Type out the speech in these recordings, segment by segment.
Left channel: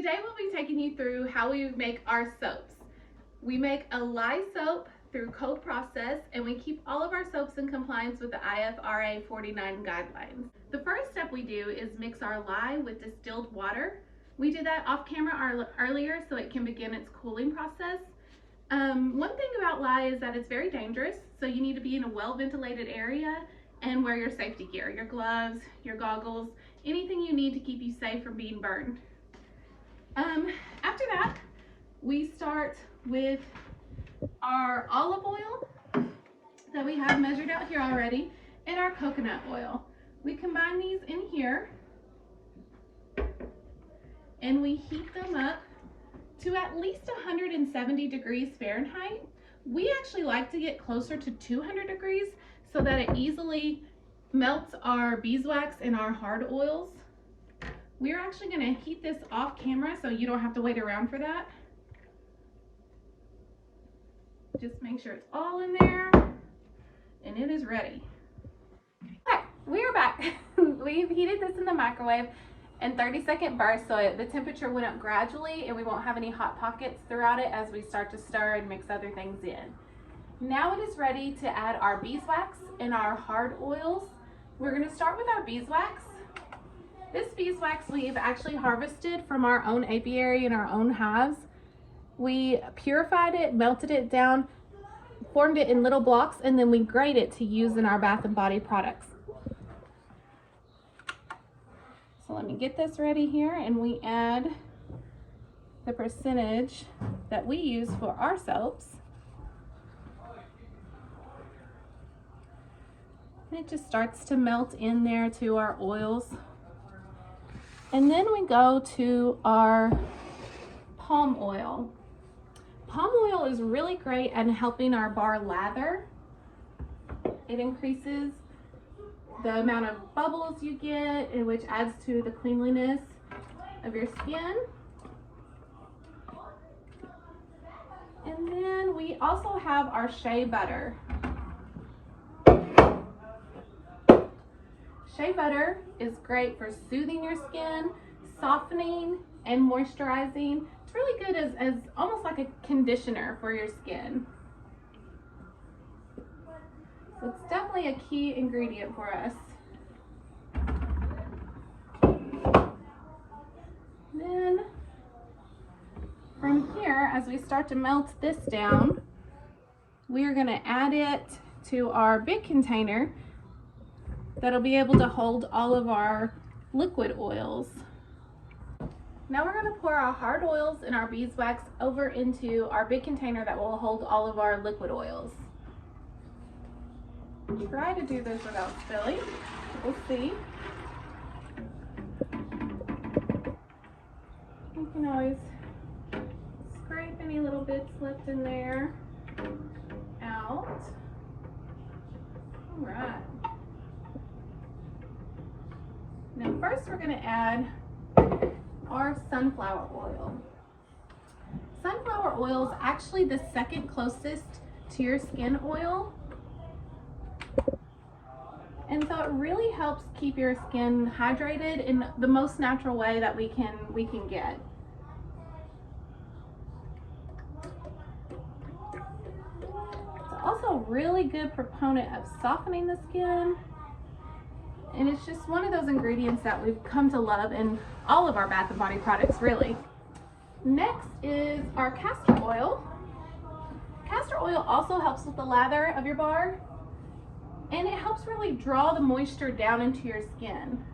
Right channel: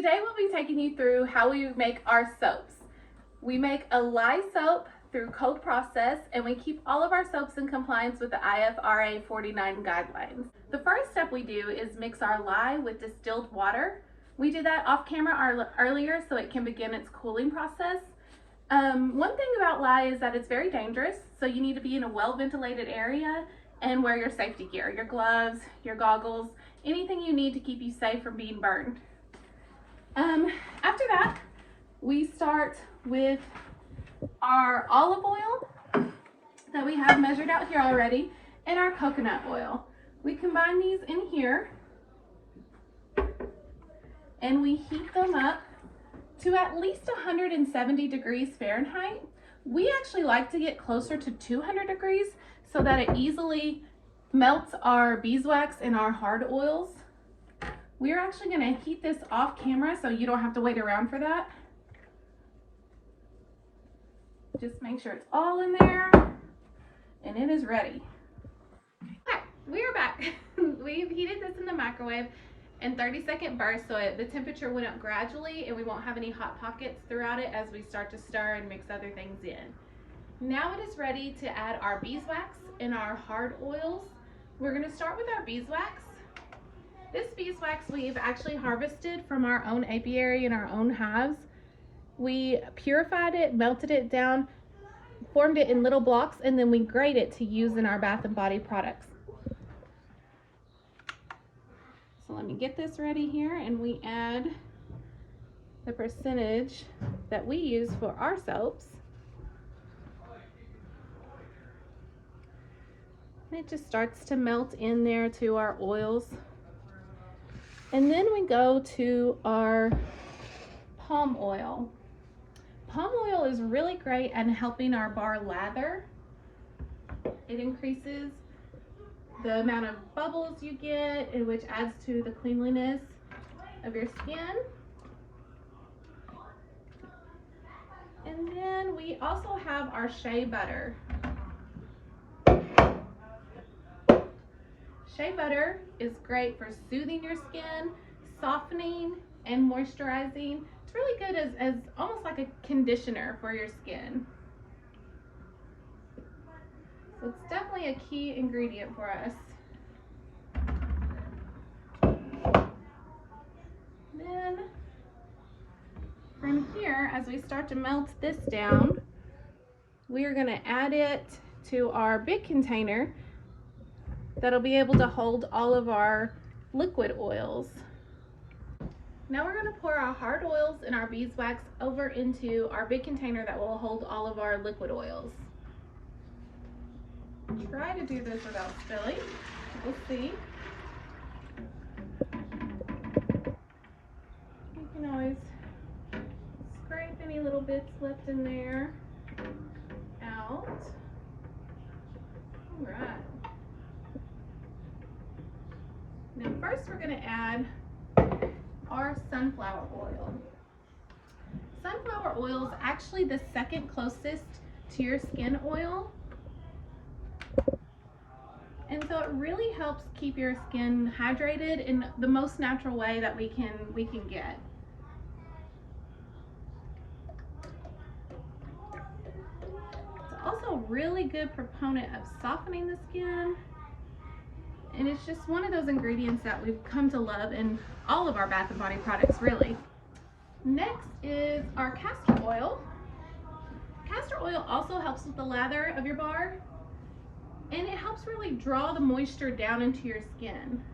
Today we'll be taking you through how we make our soaps. We make a lye soap through cold process, and we keep all of our soaps in compliance with the Apiary 49 guidelines. The first step we do is mix our lye with distilled water. We did that off camera earlier so it can begin its cooling process. One thing about lye is that it's very dangerous, so you need to be in a well-ventilated area and wear your safety gear, your gloves, your goggles, anything you need to keep you safe from being burned. After that, we start with our olive oil that we have measured out here already and our coconut oil. We combine these in here and we heat them up to at least 170 degrees Fahrenheit. We actually like to get closer to 200 degrees so that it easily melts our beeswax and our hard oils. We're actually going to heat this off camera so you don't have to wait around for that. Just make sure it's all in there and it is ready. Okay, we are back. We've heated this in the microwave in 30-second bursts so the temperature went up gradually and we won't have any hot pockets throughout it as we start to stir and mix other things in. Now it is ready to add our beeswax and our hard oils. We're going to start with our beeswax. This beeswax we've actually harvested from our own apiary and our own hives. We purified it, melted it down, formed it in little blocks, and then we grate it to use in our bath and body products. So let me get this ready here, and we add the percentage that we use for our soaps. And it just starts to melt in there to our oils. And then we go to our palm oil. Palm oil is really great at helping our bar lather. It increases the amount of bubbles you get, which adds to the cleanliness of your skin. And then we also have our shea butter. Shea butter is great for soothing your skin, softening, and moisturizing. It's really good as almost like a conditioner for your skin. So it's definitely a key ingredient for us. Then from here, as we start to melt this down, we are going to add it to our big container that'll be able to hold all of our liquid oils. Now we're going to pour our hard oils and our beeswax over into our big container that will hold all of our liquid oils. Try to do this without spilling. We'll see. You can always scrape any little bits left in there out. All right. Now first we're going to add our sunflower oil. Sunflower oil is actually the second closest to your skin oil. And so it really helps keep your skin hydrated in the most natural way that we can get. It's also a really good proponent of softening the skin. And it's just one of those ingredients that we've come to love in all of our bath and body products, really. Next is our castor oil. Castor oil also helps with the lather of your bar, and it helps really draw the moisture down into your skin.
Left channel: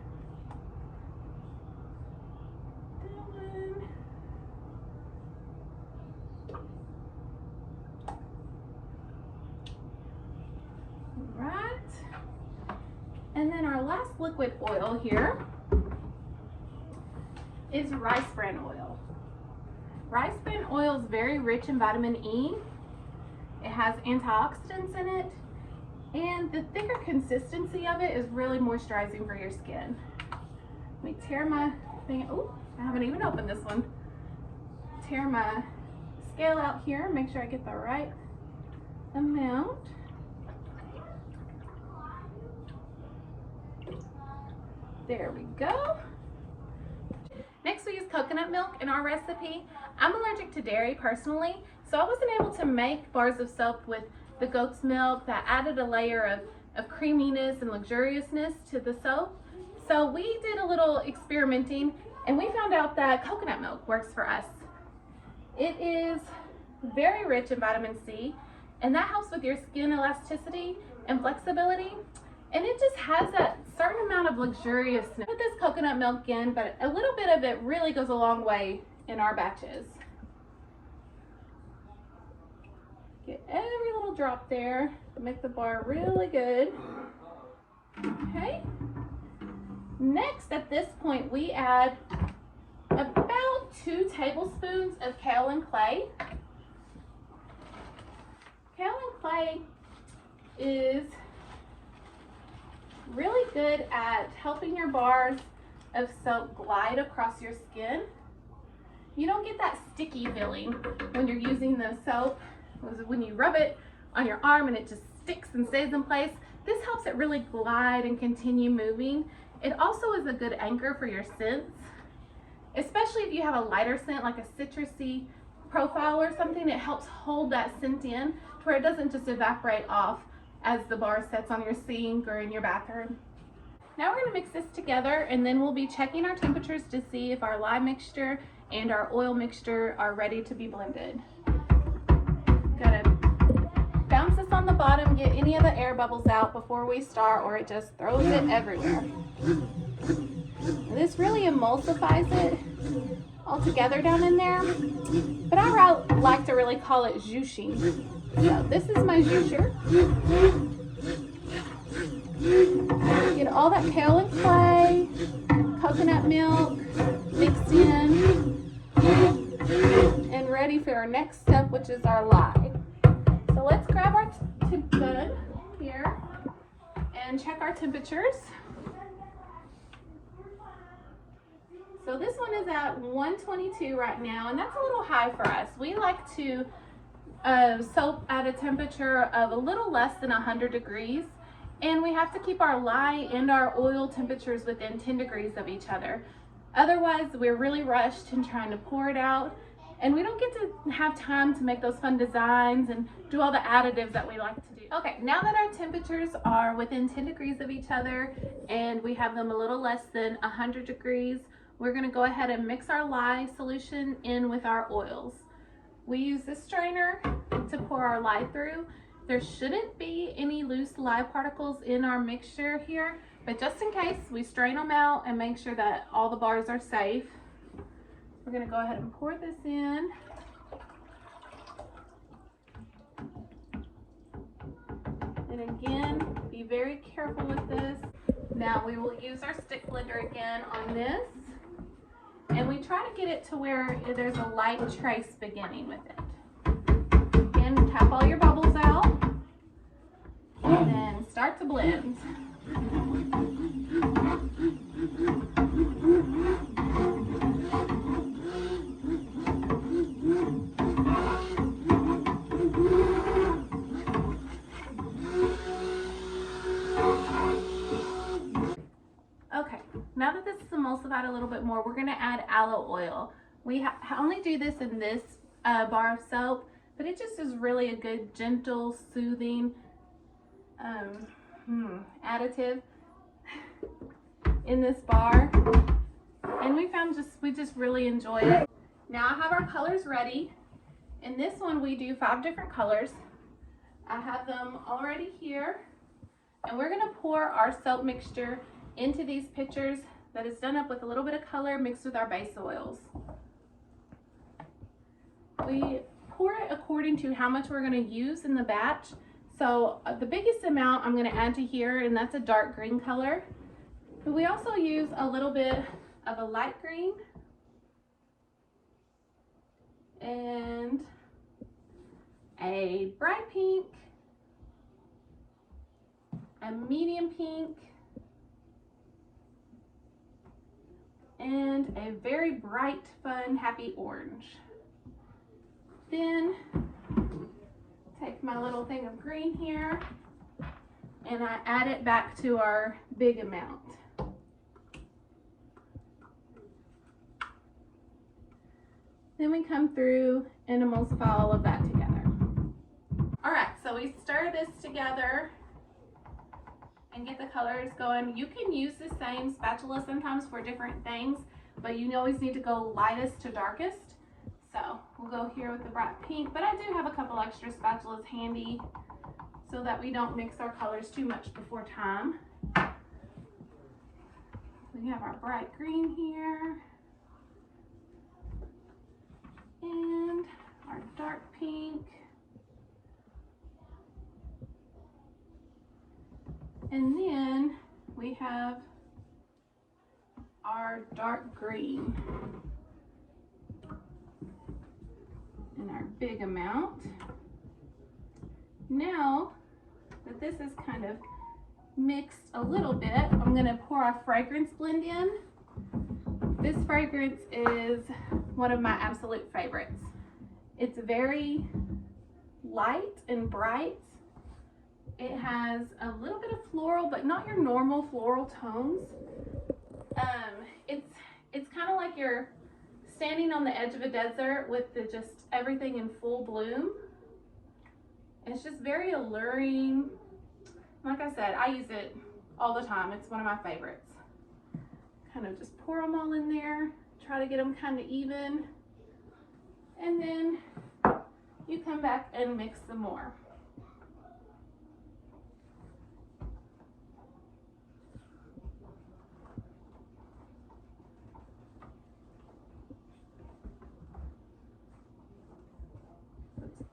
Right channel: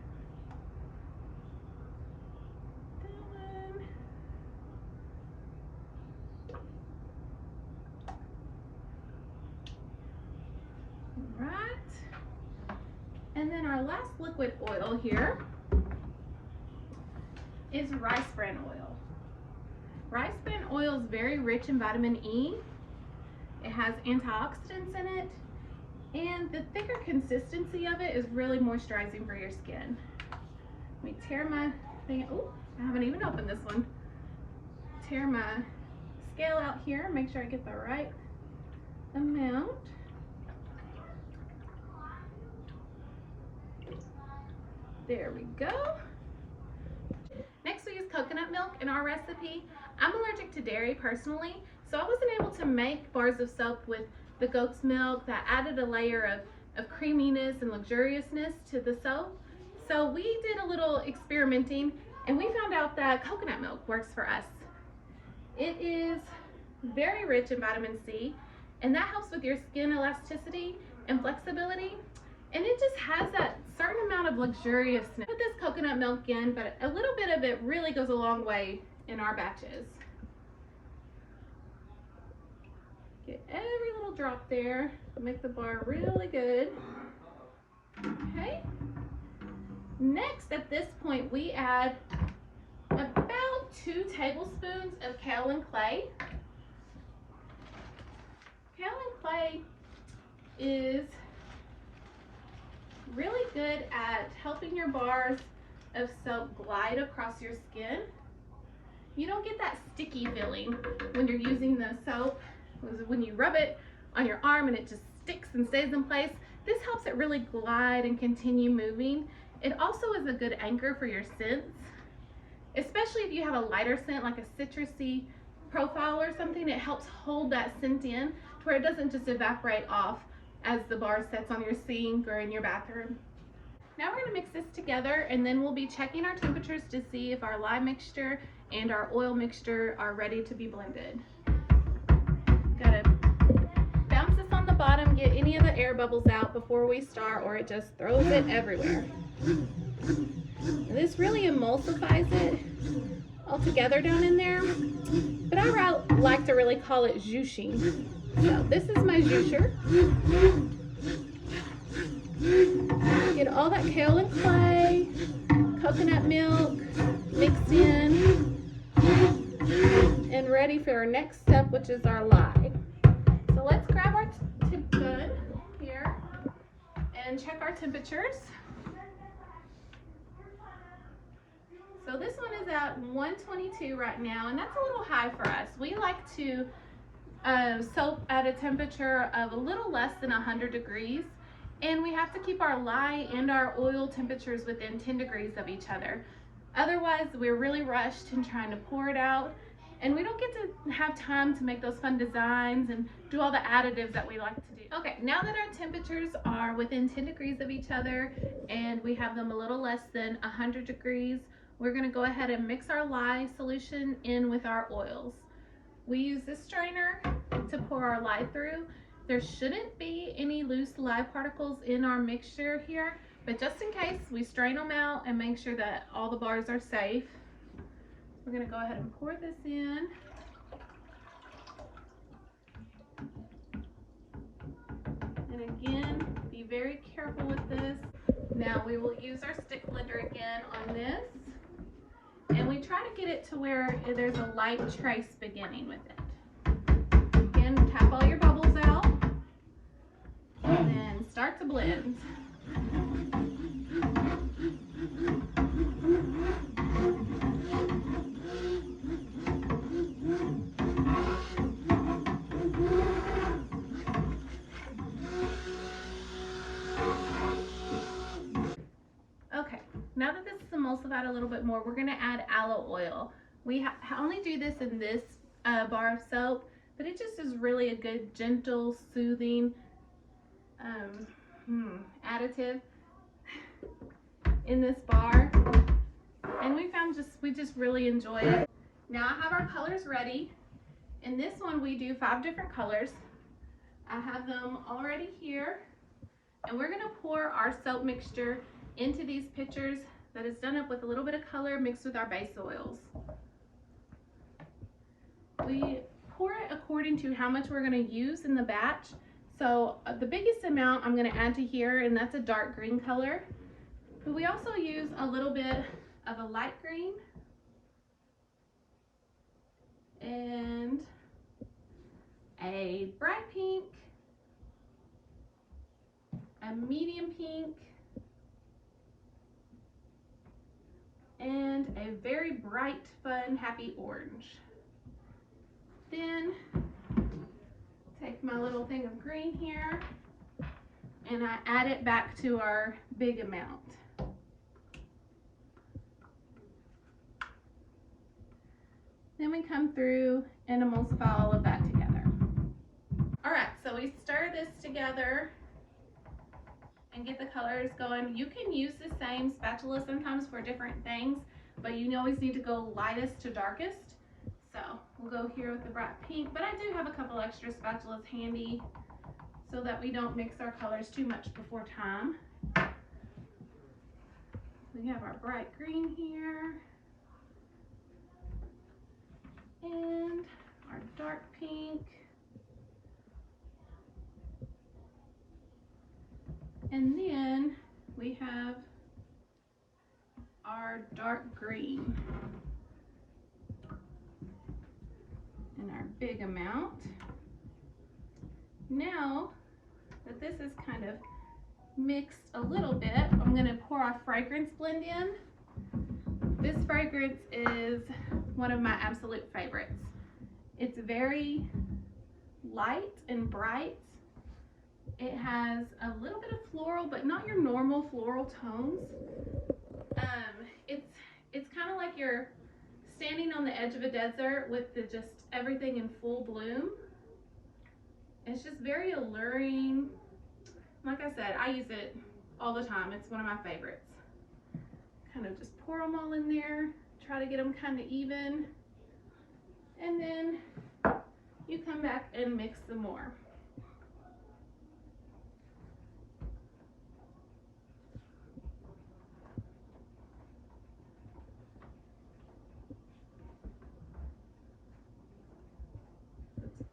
And then our last liquid oil here is rice bran oil. Rice bran oil is very rich in vitamin E. It has antioxidants in it, and the thicker consistency of it is really moisturizing for your skin. Let me tear my thing. Oh, I haven't even opened this one. Tear my scale out here, make sure I get the right amount. There we go. Next we use coconut milk in our recipe. I'm allergic to dairy personally, so I wasn't able to make bars of soap with the goat's milk. That added a layer of creaminess and luxuriousness to the soap. So we did a little experimenting and we found out that coconut milk works for us. It is very rich in vitamin C, and that helps with your skin elasticity and flexibility. And it just has that certain amount of luxuriousness. Put this coconut milk in, but a little bit of it really goes a long way in our batches. Get every little drop there to make the bar really good. Okay. Next, at this point, we add about 2 tablespoons of kaolin clay. Kaolin clay is really good at helping your bars of soap glide across your skin. You don't get that sticky feeling when you're using the soap. When you rub it on your arm and it just sticks and stays in place, this helps it really glide and continue moving. It also is a good anchor for your scents, especially if you have a lighter scent like a citrusy profile or something. It helps hold that scent in to where it doesn't just evaporate off as the bar sets on your sink or in your bathroom. Now we're going to mix this together, and then we'll be checking our temperatures to see if our lye mixture and our oil mixture are ready to be blended. Gotta bounce this on the bottom, get any of the air bubbles out before we start, or it just throws it everywhere. This really emulsifies it all together down in there, but I like to really call it zhooshing. So this is my zhoosher. Get all that kaolin clay, coconut milk mixed in, and ready for our next step, which is our lye. So let's grab our tip gun here and check our temperatures. So this one is at 122 right now, and that's a little high for us. We like to soap at a temperature of a little less than 100 degrees, and we have to keep our lye and our oil temperatures within 10 degrees of each other. Otherwise, we're really rushed in trying to pour it out, and we don't get to have time to make those fun designs and do all the additives that we like to do. Okay, now that our temperatures are within 10 degrees of each other and we have them a little less than 100 degrees, we're going to go ahead and mix our lye solution in with our oils. We use this strainer to pour our lye through. There shouldn't be any loose lye particles in our mixture here, but just in case, we strain them out and make sure that all the bars are safe. We're going to go ahead and pour this in. And again, be very careful with this. Now we will use our stick blender again on this. And we try to get it to where there's a light trace beginning with it. Again, tap all your bubbles out and then start to blend. Okay, now that this is emulsified a little bit more, we're going to add aloe oil. We only do this in this bar of soap, but it just is really a good, gentle, soothing additive in this bar, and we just really enjoy it. Now I have our colors ready. In this one we do 5 different colors. I have them already here, and we're going to pour our soap mixture into these pitchers that is done up with a little bit of color mixed with our base oils. We pour it according to how much we're going to use in the batch. So the biggest amount I'm going to add to here, and that's a dark green color. But we also use a little bit of a light green and a bright pink, a medium pink, and a very bright, fun, happy orange. Then take my little thing of green here and I add it back to our big amount. Then we come through and emulsify all of that together. All right, so we stir this together and get the colors going. You can use the same spatula sometimes for different things, but you always need to go lightest to darkest. So we'll go here with the bright pink, but I do have a couple extra spatulas handy so that we don't mix our colors too much before time. We have our bright green here and our dark pink. And then we have our dark green in our big amount. Now that this is kind of mixed a little bit, I'm going to pour our fragrance blend in. This fragrance is one of my absolute favorites. It's very light and bright. It has a little bit of floral, but not your normal floral tones. It's kind of like you're standing on the edge of a desert with just everything in full bloom. It's just very alluring. Like I said, I use it all the time. It's one of my favorites. Kind of just pour them all in there, try to get them kind of even, and then you come back and mix some more.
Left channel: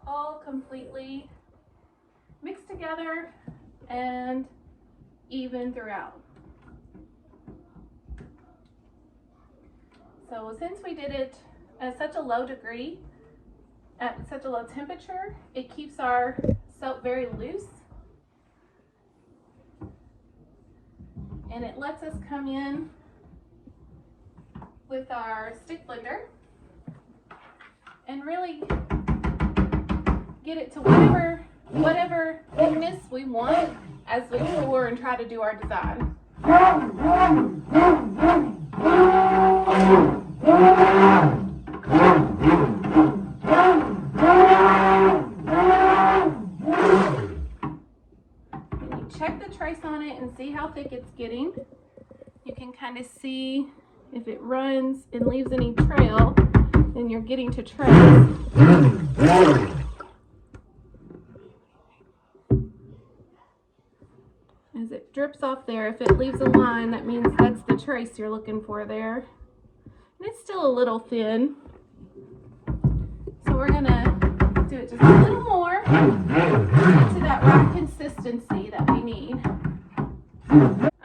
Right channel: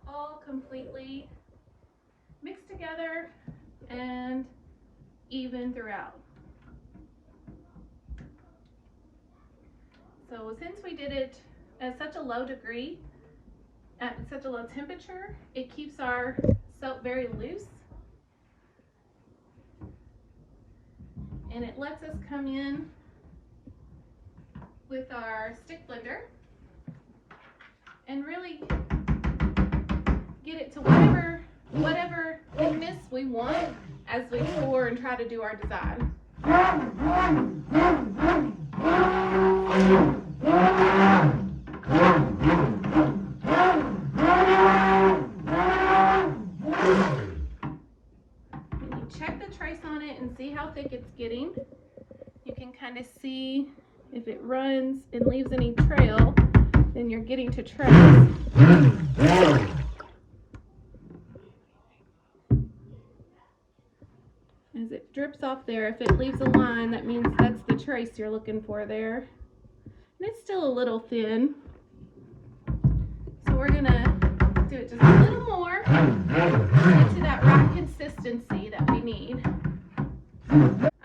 All completely mixed together and even throughout. So since we did it at such a low degree, at such a low temperature, it keeps our soap very loose and it lets us come in with our stick blender and really get it to whatever thickness we want as we pour and try to do our design. When you check the trace on it and see how thick it's getting, you can kind of see if it runs and leaves any trail, then you're getting to trace. As it drips off there, if it leaves a line, that means that's the trace you're looking for there. And it's still a little thin, so we're gonna do it just a little more to get to that right consistency that we need.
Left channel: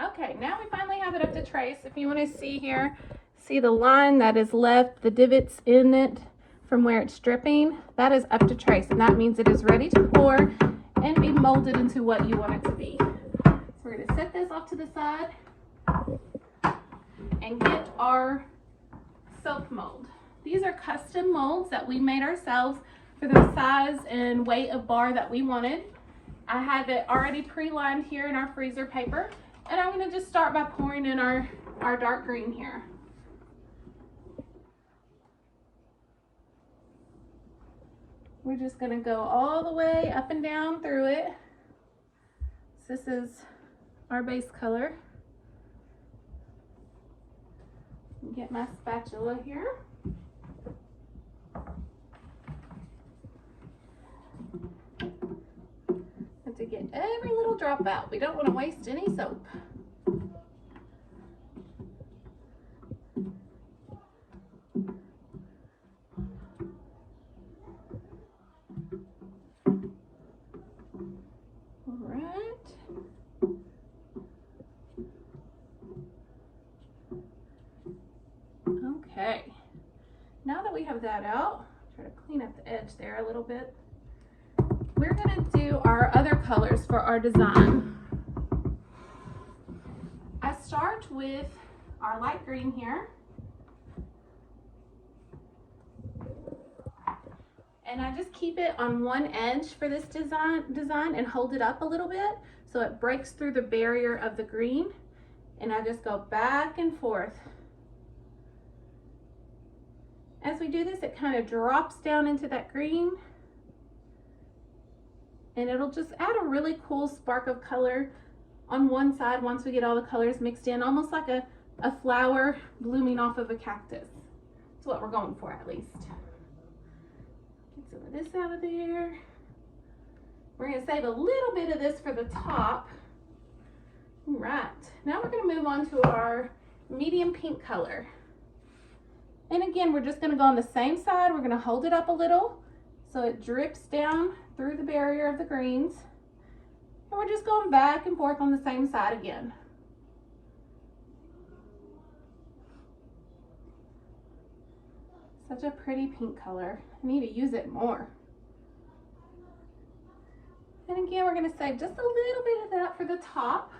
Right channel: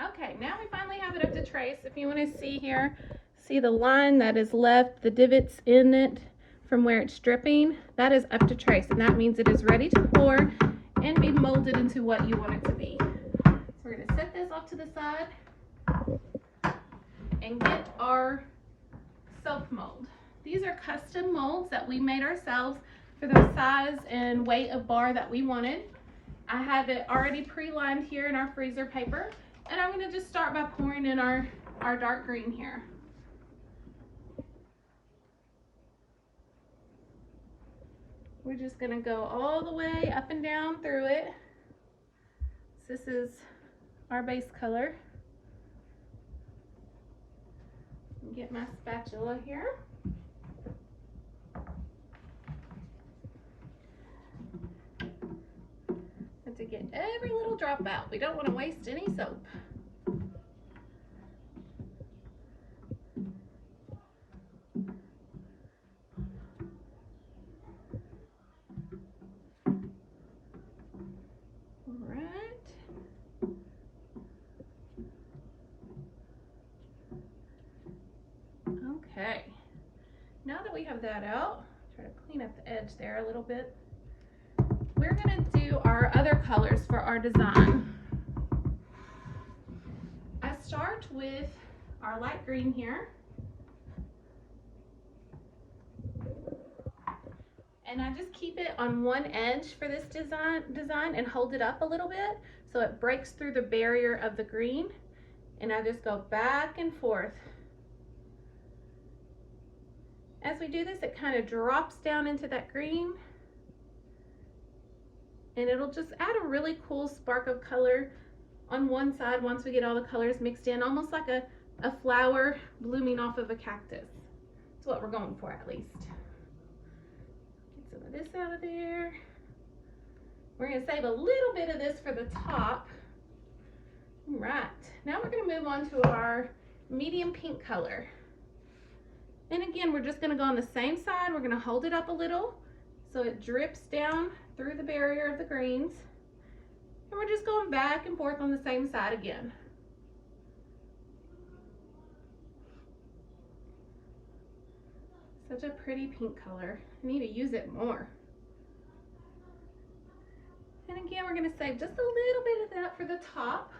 Okay, now we finally have it up to trace. If you want to see here, see the line that is left, the divots in it from where it's dripping, that is up to trace, and that means it is ready to pour and be molded into what you want it to be. We're going to set this off to the side and get our soap mold. These are custom molds that we made ourselves for the size and weight of bar that we wanted. I have it already pre-lined here in our freezer paper, and I'm going to just start by pouring in our dark green here. We're just going to go all the way up and down through it. This is our base color. Get my spatula here. And to get every little drop out. We don't want to waste any soap. Okay, now that we have that out, try to clean up the edge there a little bit. We're going to do our other colors for our design. I start with our light green here. And I just keep it on one edge for this design and hold it up a little bit so it breaks through the barrier of the green. And I just go back and forth. As we do this, it kind of drops down into that green, and it'll just add a really cool spark of color on one side once we get all the colors mixed in, almost like a flower blooming off of a cactus. That's what we're going for, at least. Get some of this out of there. We're going to save a little bit of this for the top. All right, now we're going to move on to our medium pink color. And again, we're just going to go on the same side. We're going to hold it up a little so it drips down through the barrier of the greens. And we're just going back and forth on the same side again. Such a pretty pink color. I need to use it more. And again, we're going to save just a little bit of that for the top.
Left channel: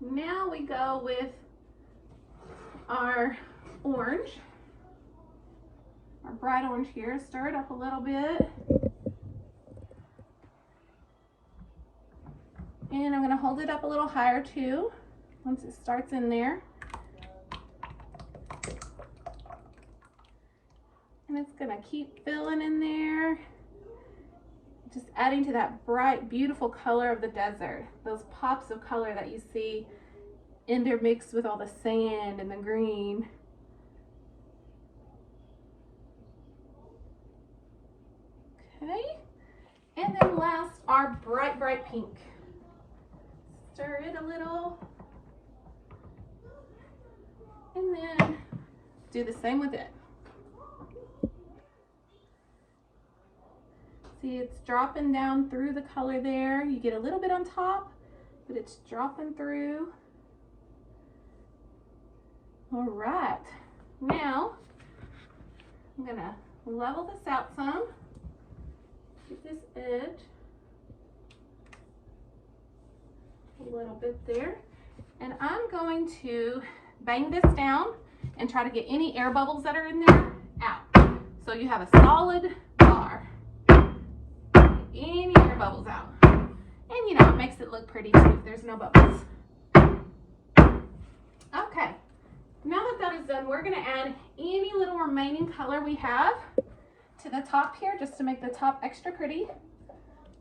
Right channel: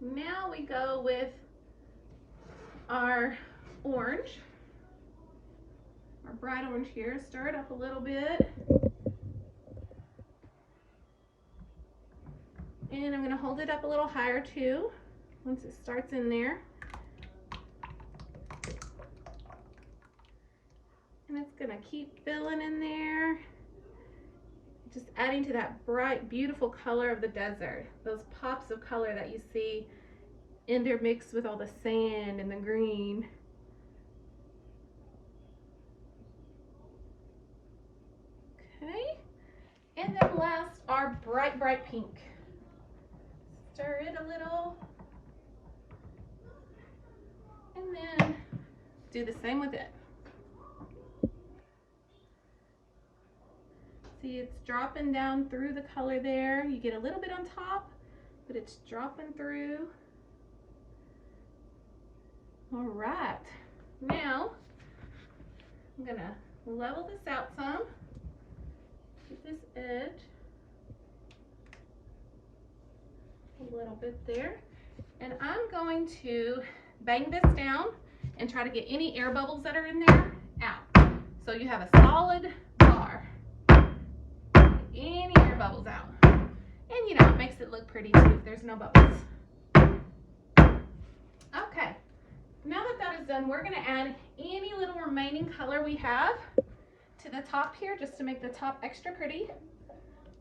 Now we go with our orange, our bright orange here. Stir it up a little bit. And I'm going to hold it up a little higher too, once it starts in there. And it's going to keep filling in there, just adding to that bright, beautiful color of the desert. Those pops of color that you see intermixed with all the sand and the green. Okay. And then last, our bright, bright pink. Stir it a little. And then do the same with it. See, it's dropping down through the color there. You get a little bit on top, but it's dropping through. All right, now I'm gonna level this out some. Get this edge a little bit there. And I'm going to bang this down and try to get any air bubbles that are in there out. So you have a solid bar. Any air bubbles out. And you know, it makes it look pretty too if there's no bubbles. Okay, now that that is done, we're gonna add any little remaining color we have to the top here, just to make the top extra pretty.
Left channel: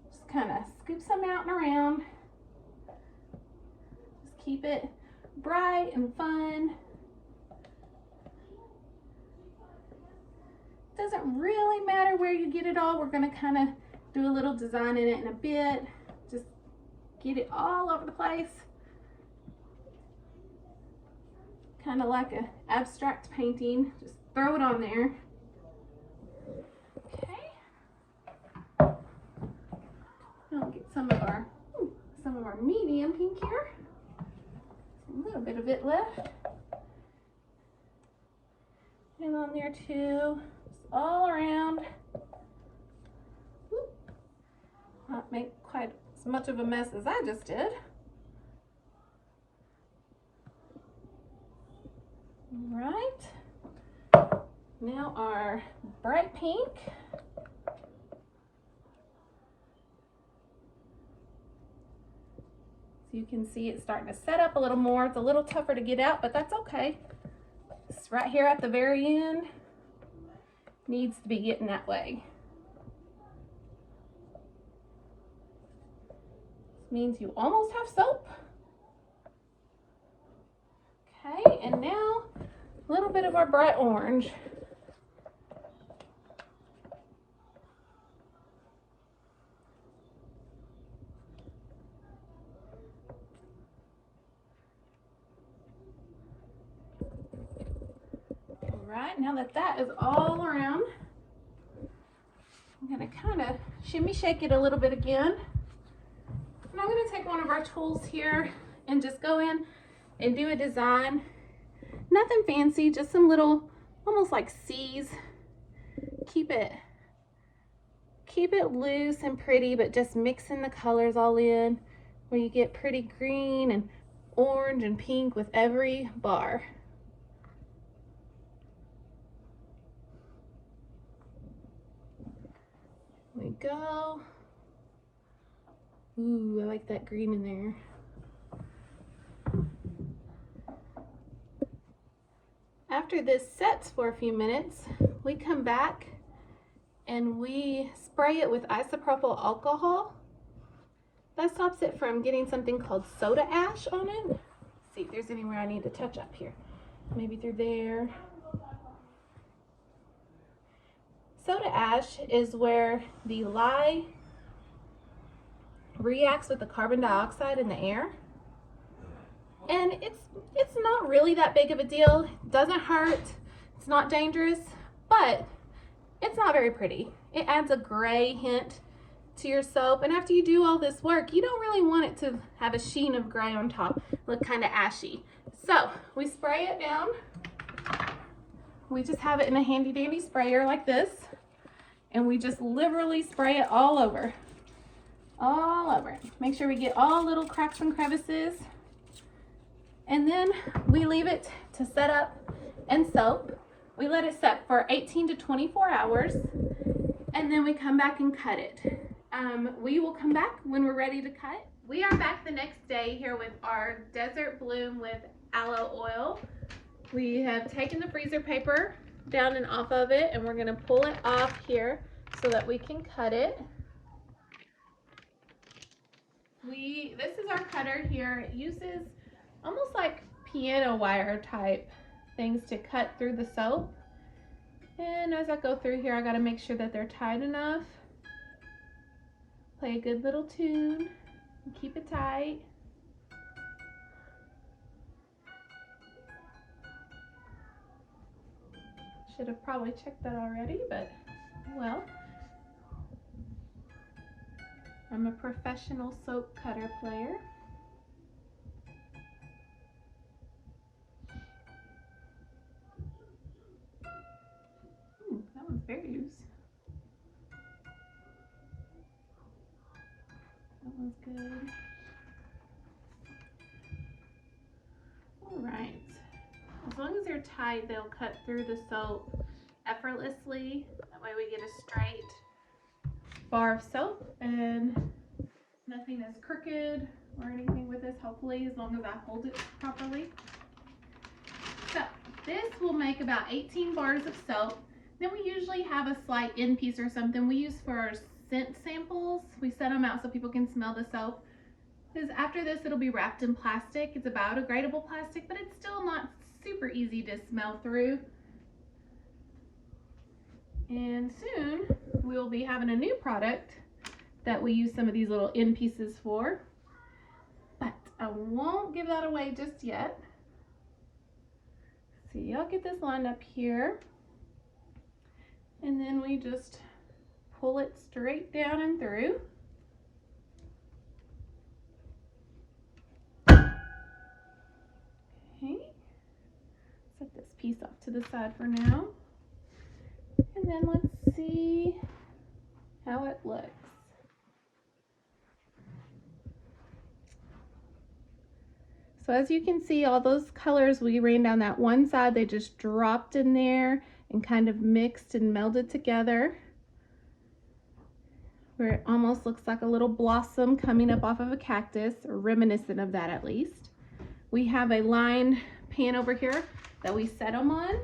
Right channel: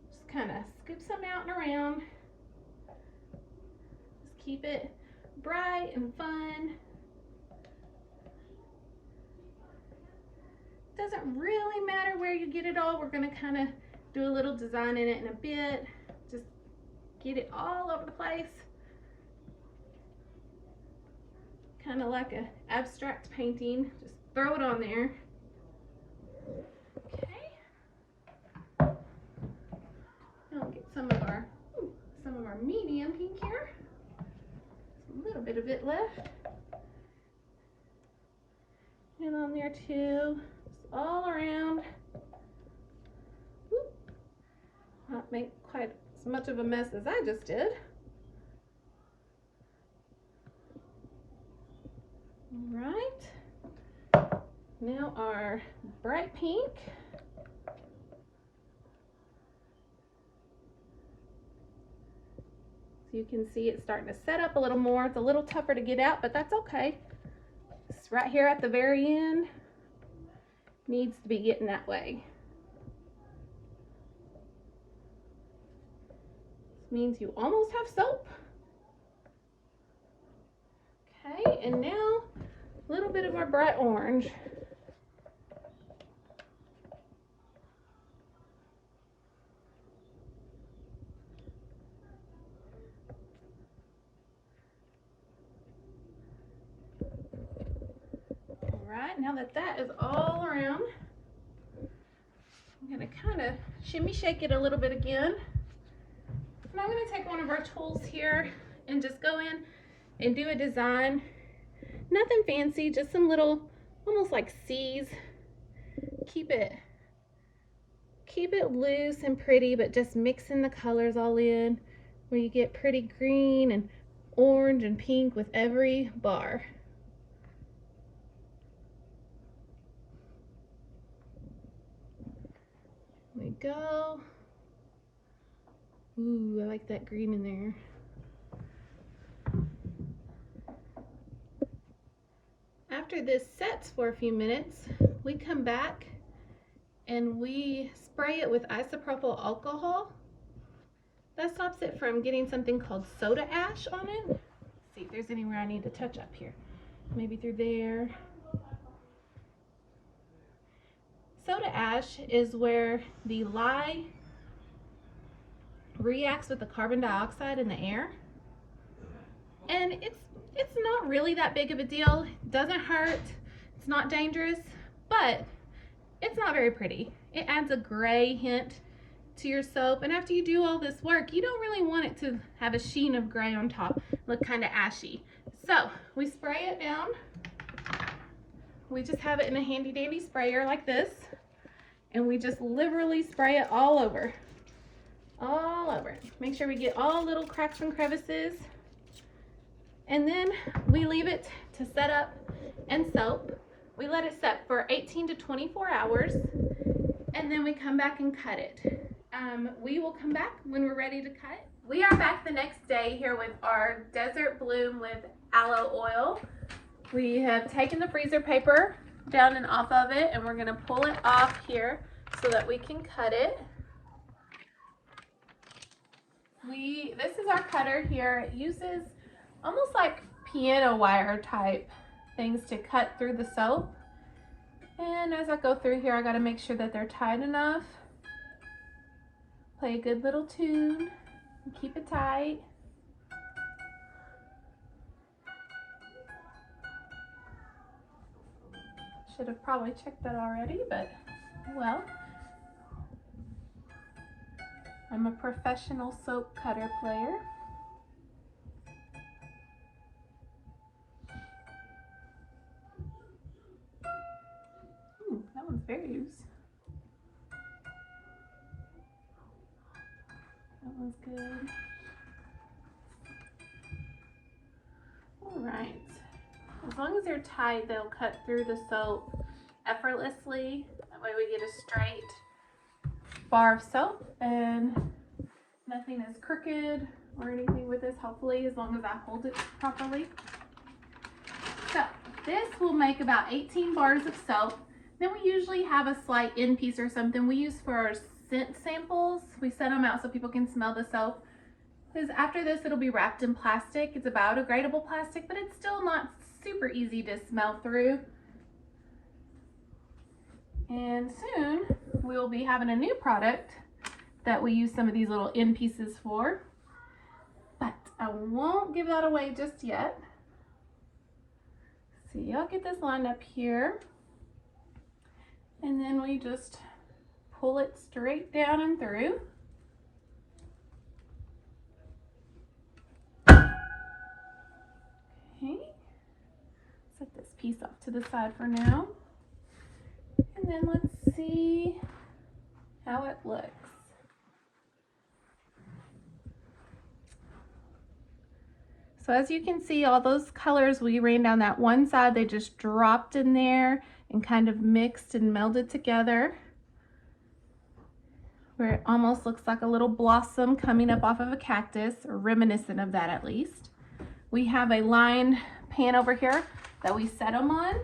Just kind of scoop some out and around. Just keep it bright and fun. Doesn't really matter where you get it all. We're gonna kind of do a little design in it in a bit. Just get it all over the place. Kind of like an abstract painting. Just throw it on there. Okay. Now get some of our medium pink here. A little bit of it left. And on there too. Just all around. Not make quite as much of a mess as I just did. All right. Now our bright pink. So you can see it's starting to set up a little more. It's a little tougher to get out, but that's okay. It's right here at the very end. Needs to be getting that way. Means you almost have soap. Okay, and now a little bit of our bright orange. All right, now that that is all around, I'm gonna kind of shimmy shake it a little bit again. And I'm going to take one of our tools here and just go in and do a design. Nothing fancy, just some little, almost like C's. Keep it loose and pretty, but just mixing the colors all in where you get pretty green and orange and pink with every bar. There we go. Ooh, I like that green in there. after this sets for a few minutes, we come back and we spray it with isopropyl alcohol. That stops it from getting something called soda ash on it. Let's see if there's anywhere I need to touch up here. Maybe through there. Soda ash is where the lye reacts with the carbon dioxide in the air. And it's not really that big of a deal. It doesn't hurt. It's not dangerous, but it's not very pretty. It adds a gray hint to your soap, and after you do all this work, you don't really want it to have a sheen of gray on top, look kind of ashy. So we spray it down. We just have it in a handy dandy sprayer like this, and we just liberally spray it all over. All over. Make sure we get all little cracks and crevices. And then we leave it to set up and soap. We let it set for 18 to 24 hours, and then we come back and cut it. We will come back when we're ready to cut. We are back the next day here with our Desert Bloom with Aloe Oil. We have taken the freezer paper down and off of it, and we're gonna pull it off here so that we can cut it. This is our cutter here. It uses almost like piano wire type things to cut through the soap. And as I go through here, I gotta make sure that they're tight enough. Play a good little tune and keep it tight. Should have probably checked that already, but well. I'm a professional soap cutter player. That one's very loose. That one's good. All right. As long as they're tight, they'll cut through the soap effortlessly. That way we get a straight bar of soap and nothing is crooked or anything with this, hopefully, as long as I hold it properly. So this will make about 18 bars of soap. Then we usually have a slight end piece or something we use for our scent samples. We set them out so people can smell the soap. Because after this, it'll be wrapped in plastic. It's a biodegradable plastic, but it's still not super easy to smell through. And soon we will be having a new product that we use some of these little end pieces for. But I won't give that away just yet. See, I'll get this lined up here. And then we just pull it straight down and through. Okay, set this piece off to the side for now. And then let's see how it looks. So as you can see, all those colors we ran down that one side, they just dropped in there and kind of mixed and melded together, where it almost looks like a little blossom coming up off of a cactus, or reminiscent of that at least. We have a lined pan over here that we set them on,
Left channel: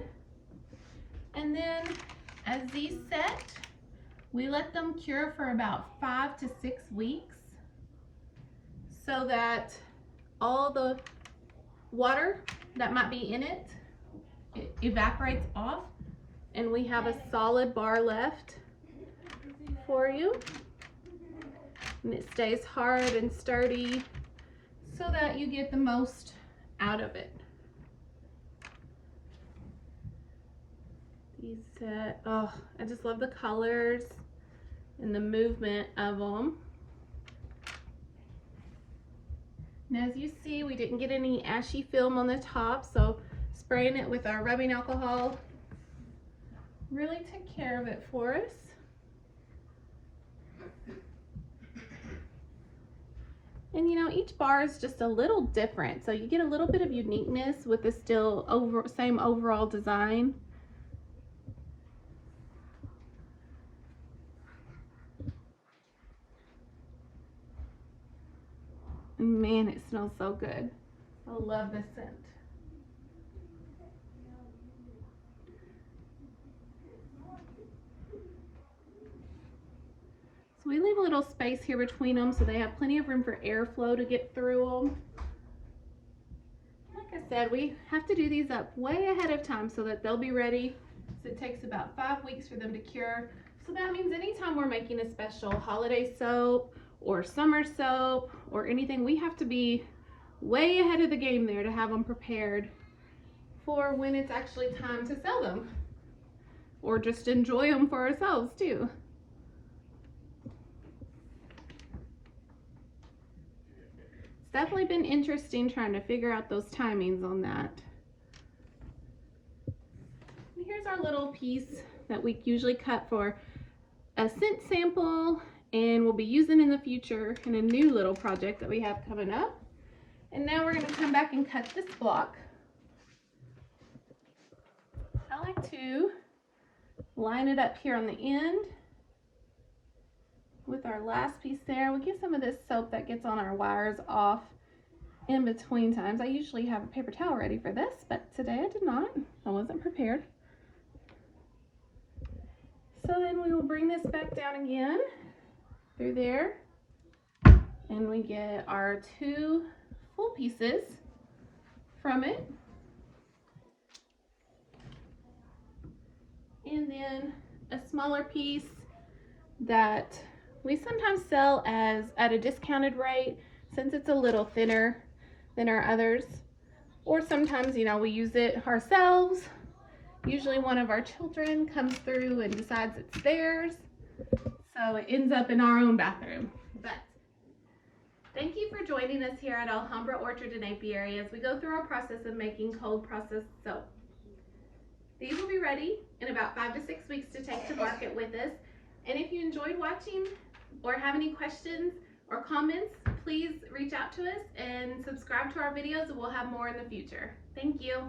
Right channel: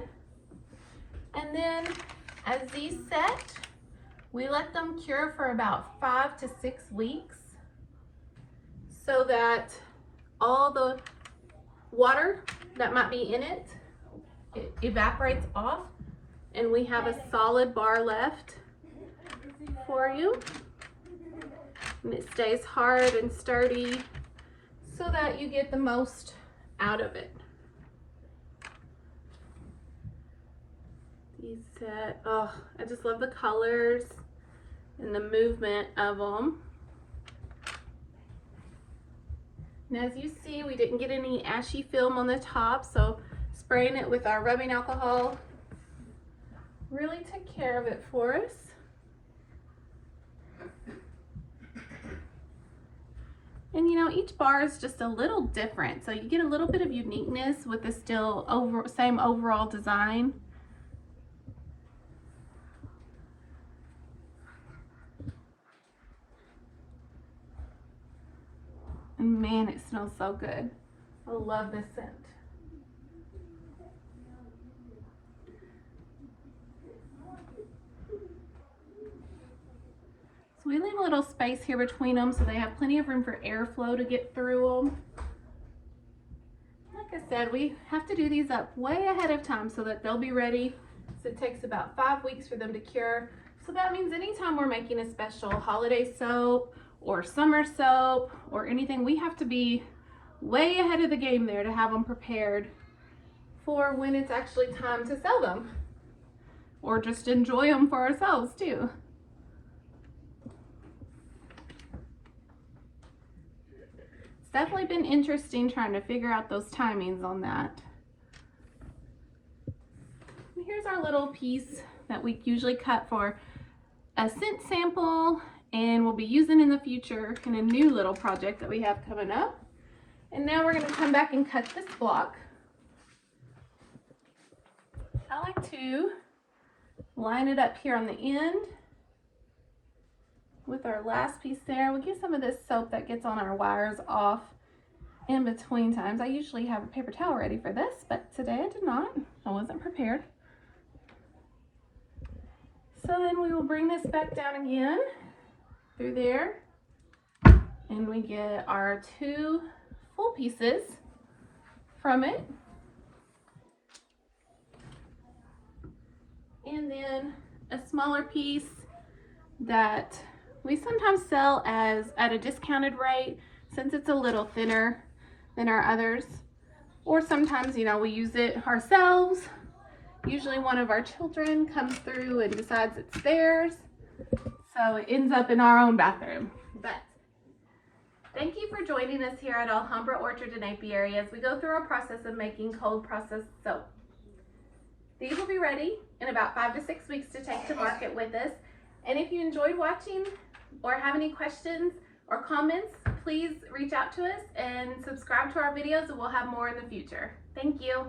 and then as these set, we let them cure for about 5 to 6 weeks so that all the water that might be in it evaporates off, and we have a solid bar left for you, and it stays hard and sturdy so that you get the most out of it. These set, oh, I just love the colors and the movement of them. And as you see, we didn't get any ashy film on the top, so spraying it with our rubbing alcohol really took care of it for us. And you know, each bar is just a little different, so you get a little bit of uniqueness with the still same overall design. And man, it smells so good. I love this scent. space here between them so they have plenty of room for airflow to get through them. Like I said, we have to do these up way ahead of time so that they'll be ready. So it takes about 5 weeks for them to cure. So that means anytime we're making a special holiday soap or summer soap or anything, we have to be way ahead of the game there to have them prepared for when it's actually time to sell them, or just enjoy them for ourselves too. It's definitely been interesting trying to figure out those timings on that. And here's our little piece that we usually cut for a scent sample and we'll be using in the future in a new little project that we have coming up. And now we're going to come back and cut this block. I like to line it up here on the end with our last piece there. We get some of this soap that gets on our wires off in between times. I usually have a paper towel ready for this, but today I did not. I wasn't prepared. So then we will bring this back down again through there, and we get our 2 full pieces from it. And then a smaller piece that we sometimes sell as at a discounted rate since it's a little thinner than our others. Or sometimes, you know, we use it ourselves. Usually one of our children comes through and decides it's theirs. So it ends up in our own bathroom. But thank you for joining us here at Alhambra Orchard and Apiary as we go through our process of making cold processed soap. These will be ready in about 5 to 6 weeks to take to market with us. And if you enjoyed watching or have any questions or comments, please reach out to us and subscribe to our videos and we'll have more in the future. Thank you.